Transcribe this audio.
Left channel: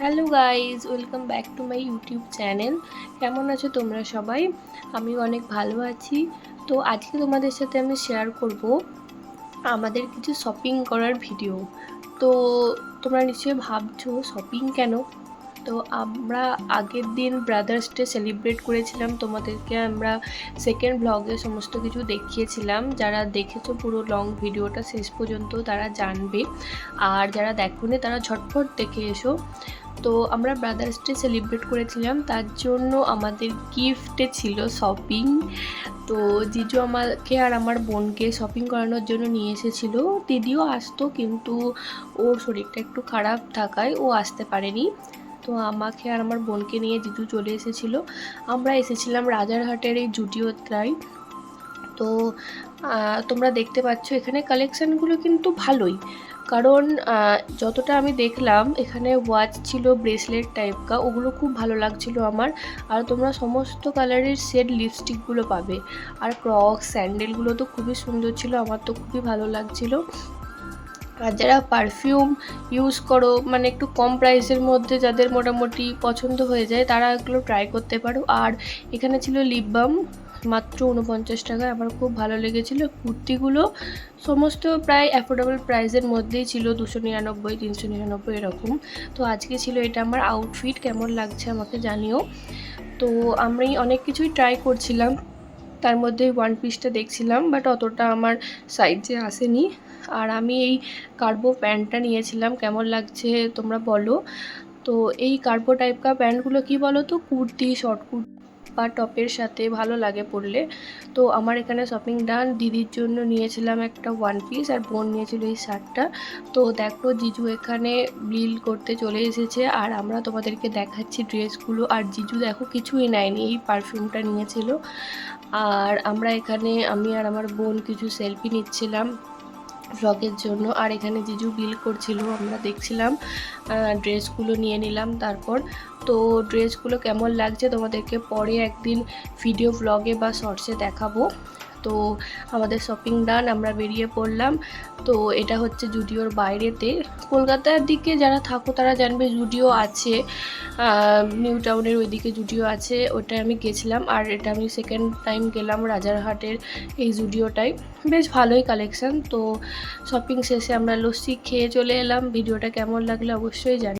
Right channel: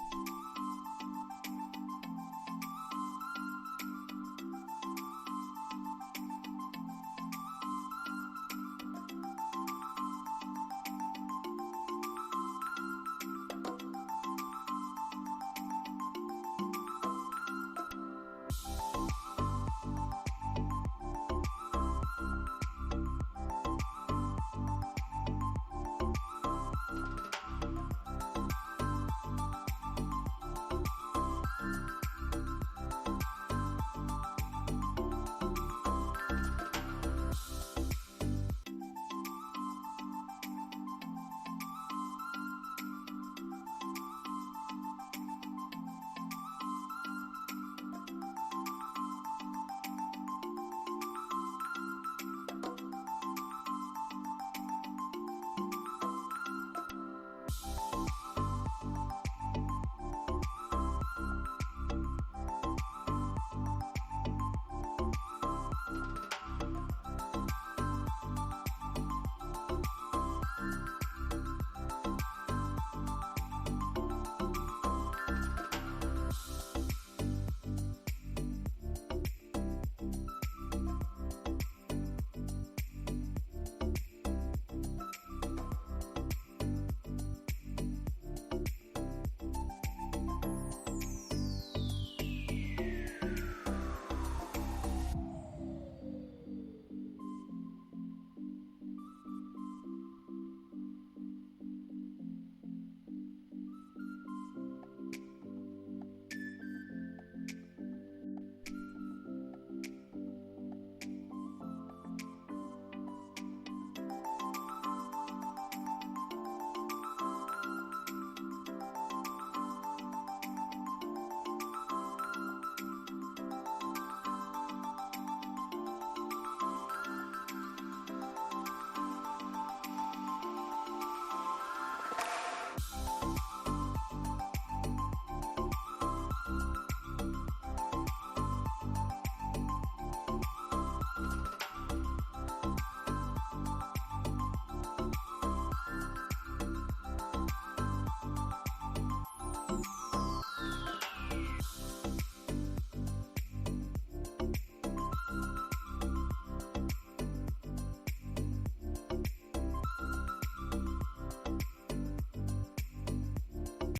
Hello guys, welcome back to my YouTube channel. কেমন আছো তোমরা সবাই? আমি অনেক ভালো আছি। তো আজকে তোমাদের সাথে আমি শেয়ার করব আমাদের কিছু শপিং করার ভিডিও। তো তোমরা নিশ্চয়ই ভাবছো শপিং কেন? তো আমরা আগের দিন ব্রাদার্স ডে সেলিব্রেট করেছিলাম, তোমাদেরকে আমরা সেকেন্ড ব্লগে সমস্ত কিছু দেখিয়েছিলাম। যারা দেখেছো পুরো লং ভিডিওটা শেষ পর্যন্ত তারা জানবে, আর যারা দেখোনি তারা ঝটফট দেখে এসো। তো আমরা ব্রাদার্স ডে সেলিব্রেট করেছিলাম, তার জন্য আমাদের গিফটে ছিল শপিং। তো জিজু আমাকে আর আমার বোনকে শপিং করানোর জন্য নিয়ে এসেছিলো। দিদিও আসতো, কিন্তু ওর শরীরটা একটু খারাপ থাকায় ও আসতে পারেনি। তো আমাকে আর আমার বোনকে নিয়ে জিজু চলে এসেছিলো। আমরা এসেছিলাম রাজারহাটের এই জুডিওটায়। তো তোমরা দেখতে পাচ্ছ এখানে কালেকশানগুলো কিন্তু ভালোই, কারণ যতটা আমি দেখলাম এখানে ওয়াচ ছিল, ব্রেসলেট টাইপ কা, ওগুলো খুব ভালো লাগছিল আমার। আর তোমরা সমস্ত কালারের সেট লিপস্টিকগুলো পাবে। আর ক্রক্স স্যান্ডেলগুলো তো খুবই সুন্দর ছিল, আমার তো খুবই ভালো লাগছিল। আর যারা পারফিউম ইউজ করো, মানে একটু কম প্রাইসের মধ্যে যাদের মোটামুটি পছন্দ হয়ে যায়, তারা এগুলো ট্রাই করতে পারো। আর এখানে ছিল লিপ বাম, মাত্র 49 টাকায়। আমার খুব ভালো লেগেছিলো। কুর্তিগুলো সমস্ত প্রায় অ্যাফোর্ডেবল প্রাইসের মধ্যেই ছিল, 299, 399 এরকম। তো আজকে ছিল এটা আমার আউটফিট। কেমন লাগছে আমাকে জানিও। তো আমি অনেক কিছুই ট্রাই করছিলাম, তার মধ্যে ওয়ান পিসটা দেখছিলাম, বাট অতটা আমার সাইজে আসেনি। আর আমি এই কার্গো প্যান্টটা নিয়েছিলাম, কেমন লাগছে তোমরা বলো। তো এই কার্গো টাইপকার প্যান্টগুলো কি বলো তো, কুর্তি, শর্ট কুর্তি বা টপের সাথে ভালো লাগে পরলে। তো আমার এখানে শপিং ডান। দিদির জন্য নিয়েছিলাম একটা ওয়ান পিস, আর বোন নিয়েছিল এই শার্টটা। তো দেখো জিজু এখানে বিল করতে চলে এসেছে, আর আমরা তোমাদেরকে দেখাচ্ছি ড্রেসগুলো। আর জিজু দেখো কিছুই নেয়নি, এই পারফিউমটা নিয়েছিল। আর আমরা এখানে, আমি আর আমার বোন কিছু সেলফি নিচ্ছিলাম ভ্লগের জন্য। আর এখানে জিজু বিল করছিল, আমরা দেখছিলাম। ড্রেসগুলো নিয়ে নিলাম তারপর। তো ড্রেসগুলো কেমন লাগছে তোমাদেরকে পরে একদিন ভিডিও ব্লগে বা শর্টসে দেখাবো। তো আমাদের শপিং ডান, আমরা বেরিয়ে পড়লাম। তো এটা হচ্ছে জুডিওর বাইরেতে। কলকাতার দিকে যারা থাকো তারা জানবে জুডিও আছে, নিউ টাউনের ওইদিকে জুডিও আছে, ওটায় আমি গেছিলাম। আর এটা আমি সেকেন্ড টাইম গেলাম রাজারহাটের এই জুডিওটায়। বেশ ভালোই কালেকশান। তো শপিং শেষে আমরা লস্যি খেয়ে চলে এলাম। ভিডিওটা কেমন লাগলো অবশ্যই জানি।